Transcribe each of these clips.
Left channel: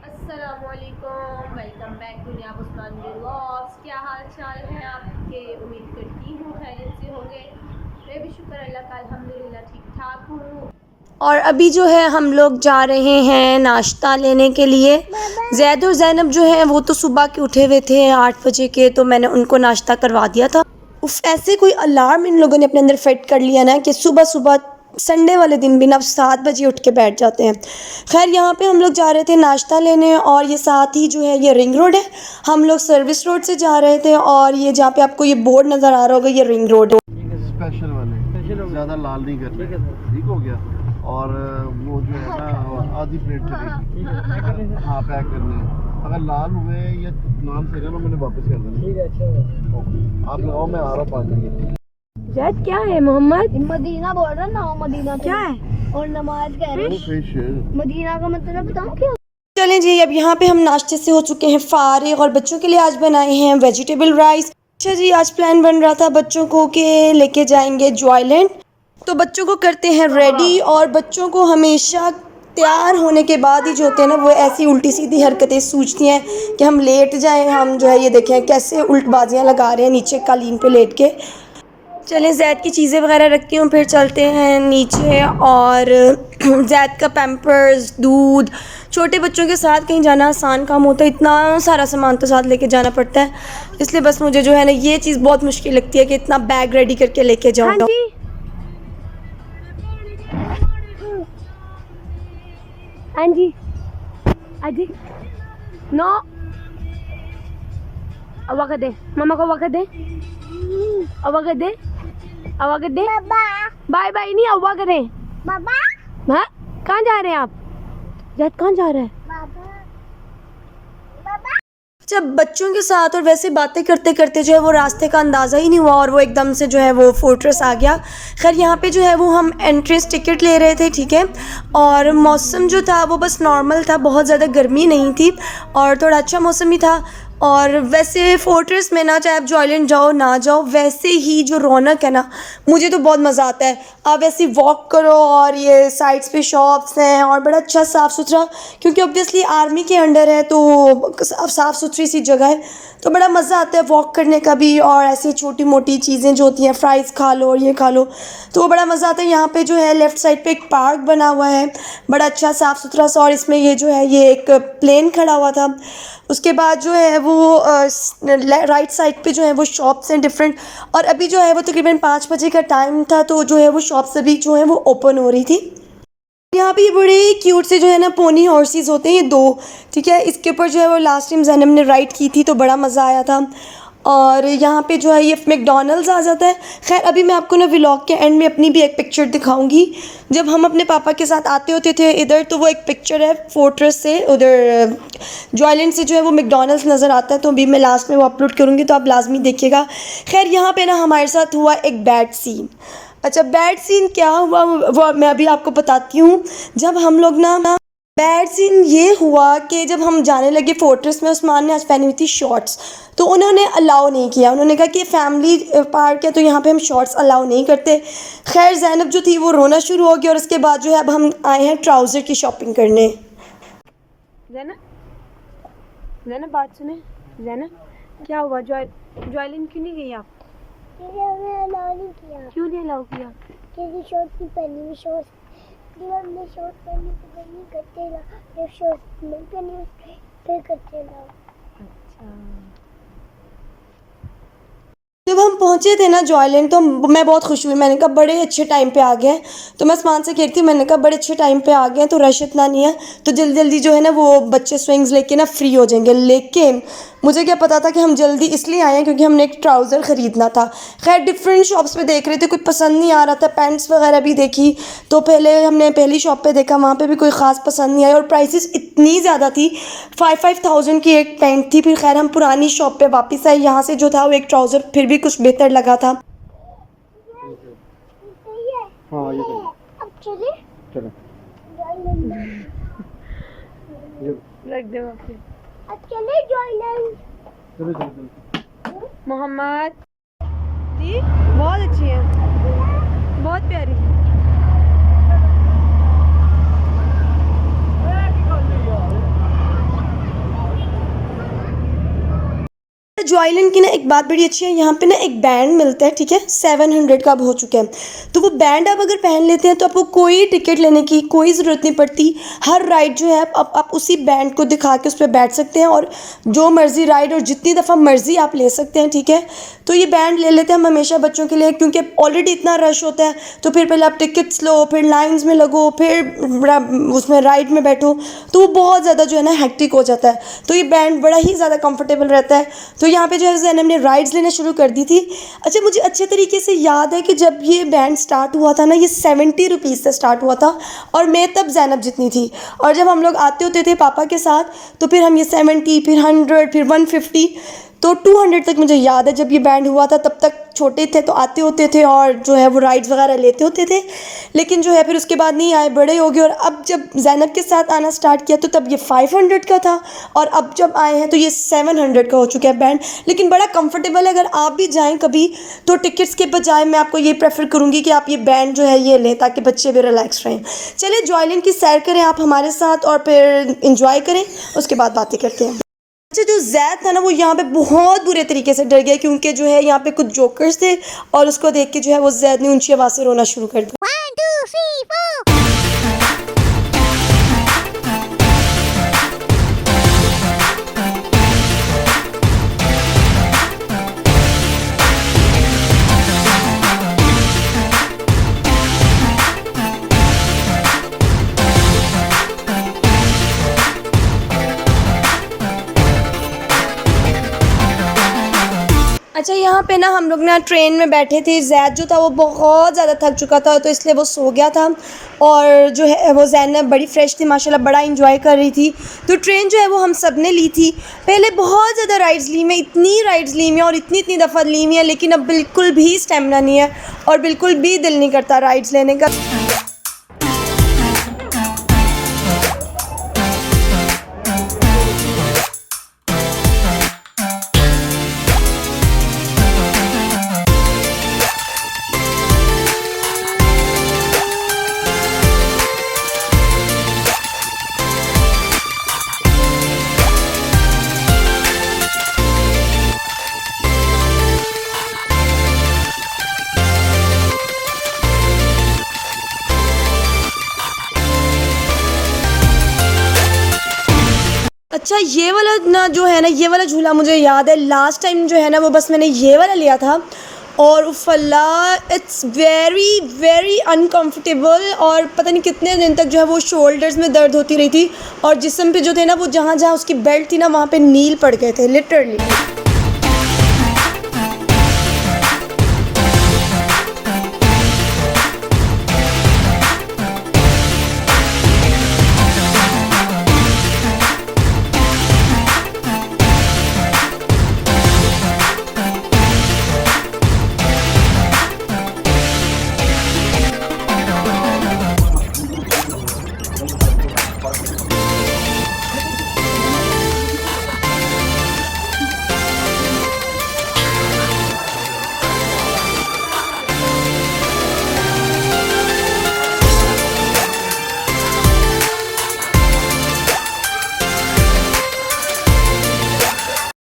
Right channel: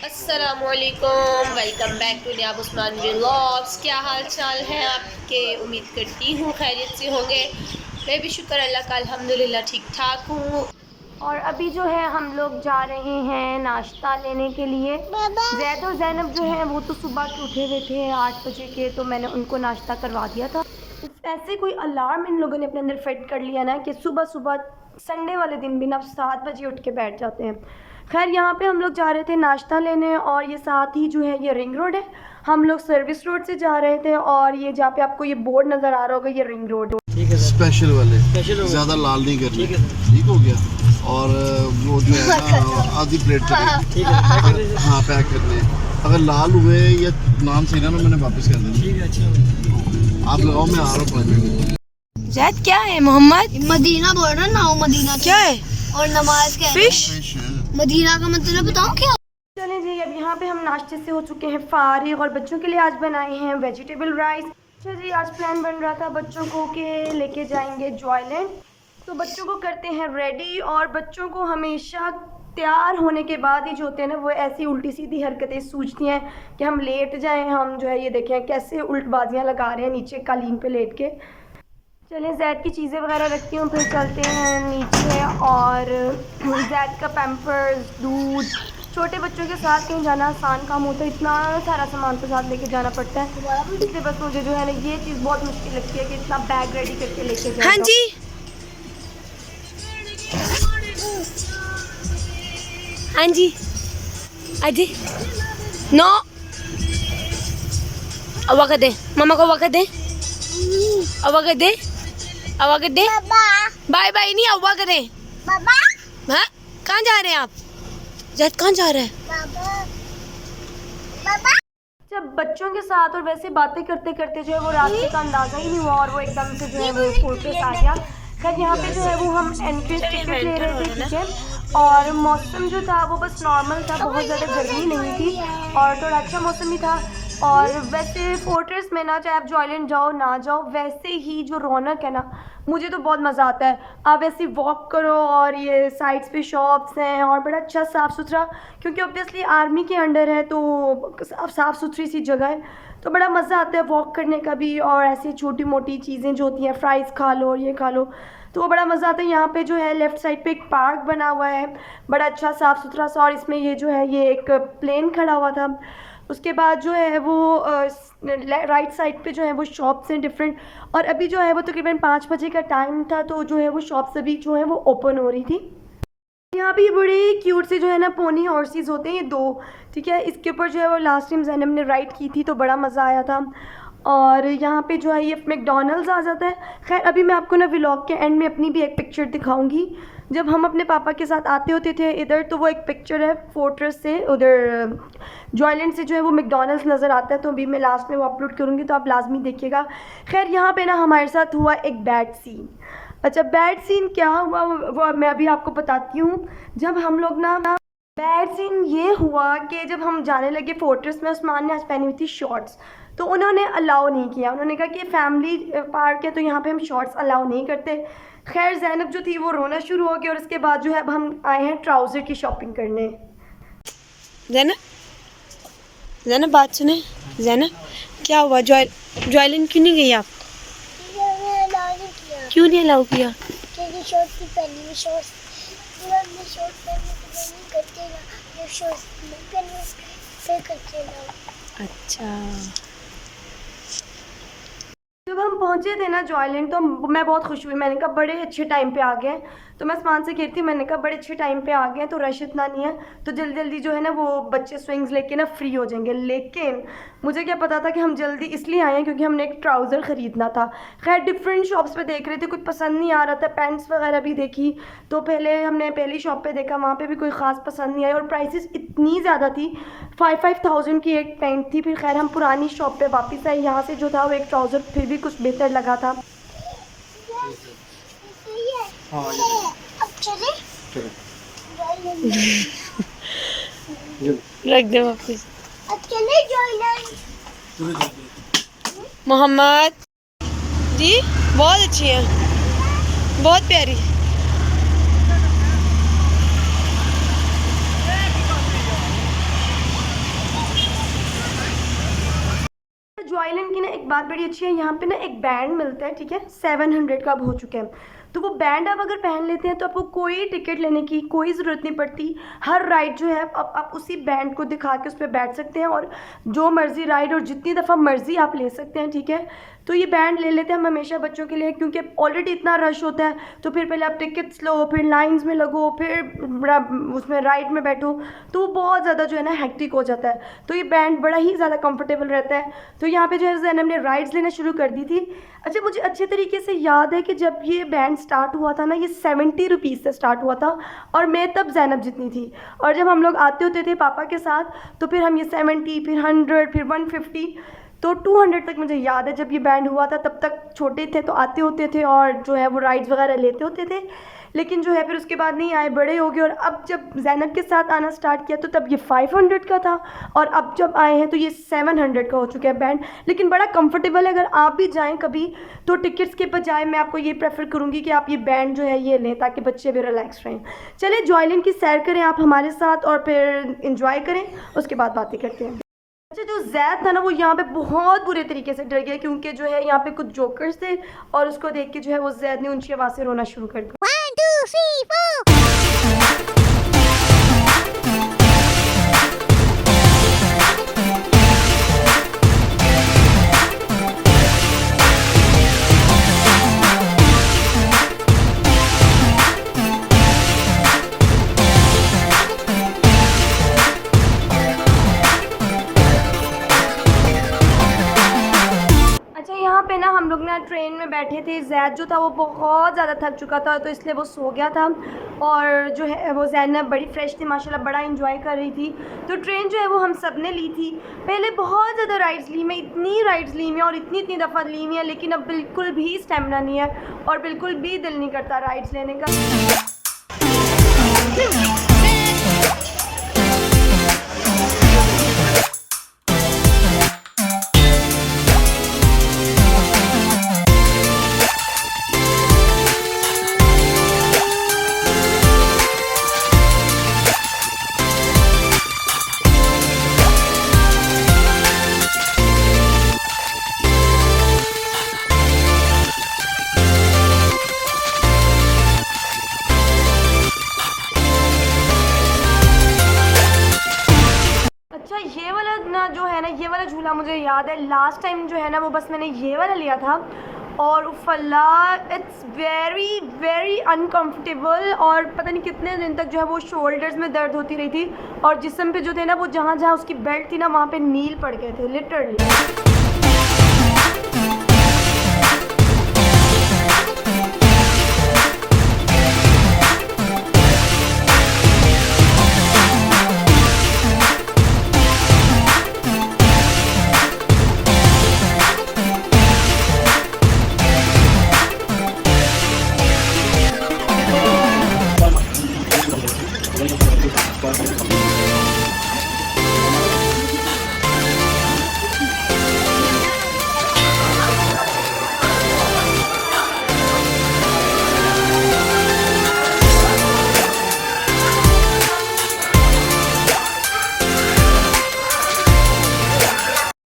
अस्सलामुअलैकुम, welcome back to Niyab Usman vlogs. क्या हाल चाल है आपके? उम्मीद करती हूँ खैरियत से होंगे। मैं भी शुक्र अल्लाह का अल्हम्दुलिल्लाह ठीक ठाक हूँ। और अभी जो है हम लोग जा रहे हैं नाश्ता लेने के लिए। जैद और ज़ैनब जो है वो तो सुबह के उठे हुए थे 8 बजे के, तो मैंने उनको नाश्ता करवा दिया था। उफ, ऐसे कोई अलार्म इन लोगों ने अपने अंदर फिट कर लिया ना कि सुबह सुबह संडे वाले दिन भी ना 7 बजे उठ के बैठ जाते हैं। खैर यहाँ पे हम लोग जा रहे थे नाश्ता लेने, और ये साथ ही जो है ये रिंग रोड है। हम लोग सर्विस रोड से जा रहे थे, और ये जहाँ पे आपको ये बोर्ड नज़र आ रहा होगा ये रिंग रोड है। स्पेशल वाले ज़्यादा लाल नहीं करने, ठीक हो गया। और वो जो है ना आधी प्लेट चलेगी, हाँ पैक करने। अगर लाल हुए या नाम से ना मैंने वापस कर देना, ठीक है। अच्छा आप लगाओ, मैं आ रहा हूँ 5 मिनट। जैद क्या है मोहम्मद? मदीना बोल रहा ना, मदीना क्या है? और नमाज कह रहे फिश। मदीना का मतलब बताऊं क्या? चलें जी, अब यहाँ पे हम नाश्ते से हो चुके हैं फारिग, और बच्चों के लिए आज बनाए हैं वेजिटेबल राइस। अच्छा जी, आज प्लान बन रहा था बच्चों को कि लेके जाएंगे जॉयलैंड, तो बच्चों को करते हैं रेडी। और बच्चों को हमेशा तैयार होने के बाद ही जो होते हैं ना वो ऐसी उल्टी सीधी हरकतें सूझती हैं कि हम लेट जाएं। हम जो है ये देखें कैसे उल्टबाजियाँ लगा रहे हैं नीचे कालीन पे लेट के। चलें जैद की चीज़ें वगैरह रखती हूँ, फिर चलते हैं नीचे। और जैद का पैम्पर्स, दूध, छोटे बच्चों के साथ कहीं जाना आसान काम होता है, इतना सारा सामान तो साथ लेके जाना पड़ता है। इसलिए बस मुझे जो है ना ये चीज़ बहुत मुश्किल लगती है कि इतना बैग रेडी करके लेके जाओ। हाँ जी, हाँ जी, अजी नो, वक्त दे मामा को, वक्त दे, वक्त दे, वक्त दे। बाय बाय नहीं, अव्वा करें। बाबा हाँ, कहाँ जा रहे हैं आप? जैद कहाँ जा रहा है? जब बच्चों के साथ और वैसे बातें करते करते जो है वो रास्ते का अंदाज़ा ही नहीं हुआ, और वो एकदम से जो है वो फोर्ट्रेस आ गया। खैर यहाँ पे जो है वो हम एंट्रेंस टिकट ले रहे थे, ठीक है। और मौसम जो था वो बस नॉर्मल था, बहुत ज़्यादा गर्मी नहीं थी, और थोड़ा अच्छा मौसम ही था। और वैसे फोर्ट्रेस में ना, चाहे आप जॉयलैंड जाओ ना जाओ, वैसे ही जो रौनक है ना, मुझे तो बहुत मज़ा आता है। आप ऐसे वॉक करो, और ये साइड्स पे शॉप्स हैं, और बड़ा अच्छा साफ़ सुथरा, क्योंकि ऑब्वियसली आर्मी के अंडर है तो साफ़ सुथरी सी जगह है, तो बड़ा मज़ा आता है वॉक करने का भी। और ऐसी छोटी मोटी चीज़ें जो होती हैं, फ्राइज़ खा लो और ये खा लो, तो वो बड़ा मज़ा आता है। यहाँ पे जो है लेफ़्ट साइड पे एक पार्क बना हुआ है, बड़ा अच्छा साफ़ सुथरा सा, और इसमें ये जो है ये एक प्लेन खड़ा हुआ था। उसके बाद जो है वो राइट साइड पे जो है वो शॉप्स हैं डिफरेंट, और अभी जो है वो तकरीबन 5 बजे का टाइम था, तो जो है वो शॉप्स अभी जो है वो ओपन हो रही थी। यहाँ पे बड़े क्यूट से जो है ना पोनी हॉर्सेस होते हैं, ये 2, ठीक है। इसके ऊपर जो है वो लास्ट टाइम ज़ैनब ने राइड की थी तो बड़ा मज़ा आया था। और यहाँ पे जो है ये मैकडॉनल्ड्स आ जाता है। खैर अभी मैं आपको ना व्लॉग के एंड में अपनी भी एक पिक्चर दिखाऊंगी। जब हम अपने पापा के साथ आते होते थे इधर, तो वो एक पिक्चर है फोर्ट्रेस से, उधर जॉयलैंड से जो है वो मैकडॉनल्ड्स नज़र आता है, तो अभी मैं लास्ट में वो अपलोड करूँगी, तो आप लाजमी देखिएगा। खैर यहाँ पे ना हमारे साथ हुआ एक बैड सीन। अच्छा, बैड सीन क्या हुआ वो मैं अभी आपको बताती हूँ। जब हम लोग ना, बैड सीन ये हुआ कि जब हम जाने लगे फोर्ट्रेस में, उस्मान ने आज पहनी हुई थी शॉर्ट्स, तो उन्होंने अलाउ नहीं किया। उन्होंने कहा कि फैमिली पार्क है तो यहाँ पे हम शॉर्ट्स अलाउ नहीं करते। खैर ज़ैनब जो थी वो रोना शुरू हो गया, और उसके बाद जो है अब हम आए हैं ट्राउज़र की शॉपिंग करने। ज़ैनब बात सुने। ज़ैनब क्या हुआ? जॉयलैंड क्यों नहीं गई आप? क्यों नहीं अलाउ किया? क्योंकि शॉर्ट की पहली शॉर्ट मैं शॉर्ट पहनने के लिए नहीं करते ना, मैं शॉर्ट नहीं पहनने फिर करते ना। अच्छा, जब हम पहुंचे थे ना जॉयलैंड, तो मैं बहुत खुश हुई। मैंने कहा बड़े अच्छे टाइम पे आ गए हैं, तो मैं आसमान से कह रही थी, मैंने कहा बड़े अच्छे टाइम पे आ गए हैं, तो रश इतना नहीं है, तो जल्दी जल्दी जो है ना वो बच्चे स्विंग्स लेके ना फ्री हो जाएंगे। लेकिन मुझे क्या पता था कि हम जल्दी इसलिए आए हैं क्योंकि हमने एक ट्राउज़र ख़रीदना था। खैर डिफरेंट शॉप्स पे देख रहे थे, कुछ पसंद नहीं आ रहा था। पैंट्स वगैरह भी देखी, तो पहले हमने पहली शॉप पे देखा, वहाँ पे भी कोई ख़ास पसंद नहीं आई, और प्राइसेस इतनी ज़्यादा थी। 5,000 की एक पैंट थी। फिर खैर हम पुरानी शॉप पे वापस आए, यहाँ से जो था वो एक ट्राउज़र फिर भी कुछ बेहतर लगा था। अब चले रख दे वापस। अब चले जॉयलैंड। मोहम्मद जी बहुत अच्छी हैं, बहुत प्यारी। जॉयलैंड की ना एक बात बड़ी अच्छी है, यहाँ पे ना एक बैंड मिलता है, ठीक है, 700 का अब हो चुका है। तो वो बैंड आप अगर पहन लेते हैं तो आपको कोई टिकट लेने की कोई ज़रूरत नहीं पड़ती। हर राइड जो है आप उसी बैंड को दिखा के उस पर बैठ सकते हैं और जो मर्ज़ी राइड और जितनी दफ़ा मर्ज़ी आप ले सकते हैं, ठीक है। तो ये बैंड ले लेते हैं हम हमेशा बच्चों के लिए, क्योंकि ऑलरेडी इतना रश होता है, तो फिर पहले आप टिकट्स लो, फिर लाइंस में लगो, फिर उसमें राइड में बैठो, तो वो बहुत ज़्यादा जो है ना हेक्टिक हो जाता है। तो ये बैंड बड़ा ही ज़्यादा कंफर्टेबल रहता है। तो यहाँ पे जो है ज़ैनब ने राइड्स लेना शुरू कर दी थी। अच्छा, मुझे अच्छे तरीके से याद है कि जब ये बैंड स्टार्ट हुआ था ना, ये 70 रुपीज़ से स्टार्ट हुआ था और मैं तब ज़ैनब जितनी थी। और जब हम लोग आते होते थे पापा के साथ, तो फिर हम ये 70, फिर 100, फिर 150, तो 200 तक मुझे याद है जब ये बैंड हुआ था। तब तक छोटे थे तो आते होते थे और जो है वो राइड्स वगैरह लेते होते थे, लेकिन जो है फिर उसके बाद नहीं आए, बड़े हो गए। और अब जब ज़ैनब के साथ आना स्टार्ट किया तो तब ये 500 का था और अब जब आए हैं तो ये 700 का हो चुका है बैंड। लेकिन बड़ा कंफर्टेबल है। अगर आप भी जाएं कभी तो टिकट्स के बजाय मैं आपको ये प्रेफर करूँगी कि आप ये बैंड जो है ये लें, ताकि बच्चे भी रिलैक्स रहें। चले जॉयलैंड की सैर करें आप हमारे साथ और फिर इंजॉय करें, उसके बाद बातें करते हैं। अच्छा, जो जैद था ना वो यहाँ पे बहुत बुरे तरीके से डर गया, क्योंकि जो है यहाँ पे कुछ जोकर्स थे और उसको देख के जो है वो जैद ने ऊंची आवाज़ से रोना शुरू कर दिया। 1 2 3 4 अच्छा, यहाँ पे ना हम लोग ना ट्रेन में बैठे थे। जैद जो था वो बहुत ज़्यादा थक चुका था, तो इसलिए वो सो गया था और जो है वो ज़ैनब बड़ी फ्रेश थी माशाल्लाह, बड़ा इंजॉय कर रही थी। तो ट्रेन जो है वो हम सब ने ली थी। पहले बहुत ज़्यादा राइड्स ली मैं, इतनी राइड्स ली मैं और इतनी दफ़ा ली मैं, लेकिन अब बिल्कुल भी स्टेमिना नहीं है और बिल्कुल भी दिल नहीं करता राइड्स लेने का। अच्छा, ये वाला ना जो है ना, ये वाला झूला मुझे याद है लास्ट टाइम जो है ना वो बस मैंने ये वाला लिया था और उफ़ल्ला, इट्स वेरी वेरी अनकम्फर्टेबल और पता नहीं कितने दिन तक जो है वो शोल्डर्स में दर्द होती रही थी और जिस्म पे जो थे ना वो जहाँ जहाँ उसकी बेल्ट थी ना वहाँ पे नील पड़ गए थे लिटरली।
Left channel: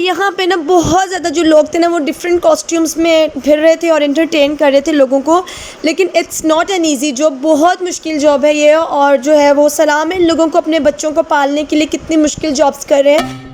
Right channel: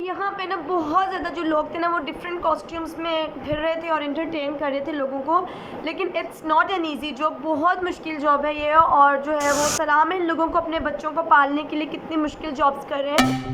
यहाँ पे ना बहुत ज़्यादा जो लोग थे ना वो डिफरेंट कॉस्ट्यूम्स में फिर रहे थे और एंटरटेन कर रहे थे लोगों को, लेकिन it's not an easy job, बहुत मुश्किल जॉब है ये। और जो है वो सलाम है इन लोगों को अपने बच्चों को पालने के लिए कितनी मुश्किल जॉब्स कर रहे हैं।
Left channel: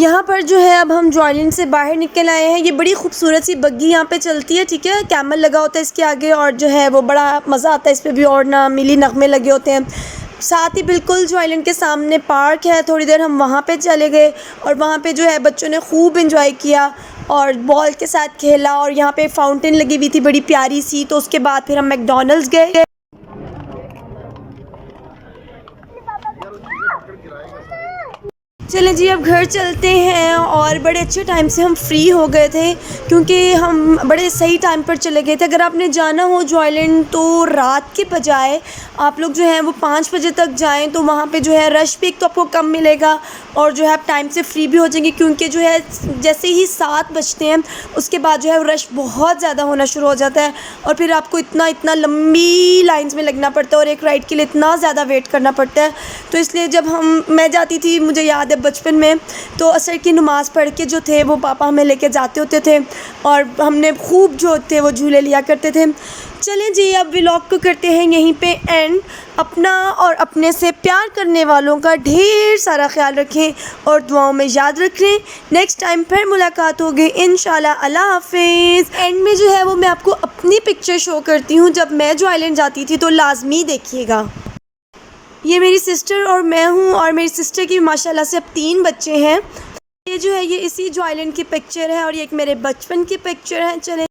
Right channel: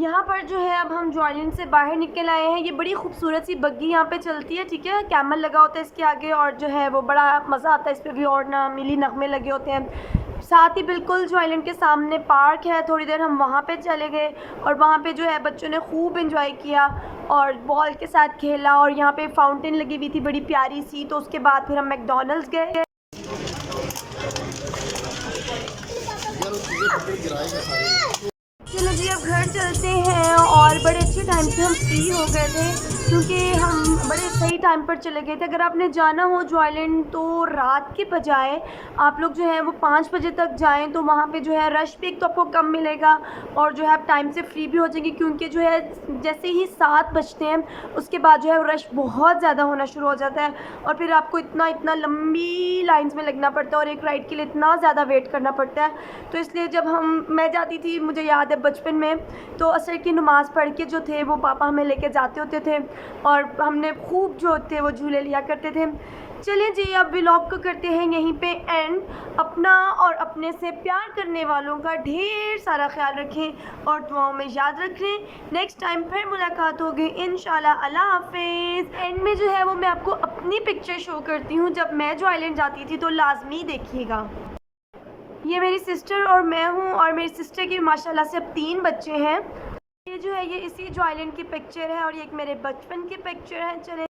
यहाँ पर जो है अब हम जॉयलैंड से बाहर निकल आए हैं। ये बड़ी खूबसूरत सी बग्गी यहाँ पे चलती है, ठीक है। कैमल लगा होता है इसके आगे और जो है वो बड़ा मज़ा आता है इस पर भी, और ना मिली नगमे लगे होते हैं। साथ ही बिल्कुल जॉयलैंड के सामने पार्क है, थोड़ी देर हम वहाँ पे चले गए और वहाँ पे जो है बच्चों ने खूब इंजॉय किया और बॉल के साथ खेला। और यहाँ पे फाउंटेन लगी हुई थी बड़ी प्यारी सी। तो उसके बाद फिर हम मैकडॉनल्ड्स गए। चलें जी अब घर चलते हैं। और बड़े अच्छे टाइम से हम फ्री हो गए थे क्योंकि हम बड़े सही टाइम पर चले गए थे। अगर आपने जाना हो जॉयलैंड तो रात के बजाय आप लोग जो है वो 5 बजे तक जाएं, तो वहाँ पे जो है रश भी एक तो आपको कम मिलेगा और जो है आप टाइम से फ्री भी हो जाएंगे। क्योंकि जो है जैसे ही 7 बजते हैं उसके बाद जो है रश बहुत ज़्यादा होना शुरू हो जाता है और फिर आपको इतना लंबी लाइंस में लगना पड़ता है और एक राइड के लिए इतना ज़्यादा वेट करना पड़ता है। तो इसलिए जब मैं जाती थी, मुझे याद है बचपन में, तो असर की नमाज़ पढ़ के जो थे वो पापा हमें लेके जाते होते थे और हमने खूब जो थे वो झूले लिया करते थे। चलें जी अब व्लॉग को करते हैं यहीं पे एंड। अपना और अपने से प्यार करने वालों का ढेर सारा ख्याल रखें और दुआओं में याद रखें। नेक्स्ट टाइम फिर मुलाकात होगी इंशाल्लाह। अल्लाह हाफिज़। एंड में जो है वो मैं आपको अपनी पिक्चर शो करती हूँ जब मैं जॉयलैंड जाती थी, तो लाजमी देखिएगा। ये मेरी सिस्टर और मैं हूँ और मेरी सिस्टर की माशाल्लाह से अब 3 बच्चे हैं। ये जो है ये इसी जॉयलैंड की पिक्चर है और ये एक मेरे बचपन की पिक्चर है। चले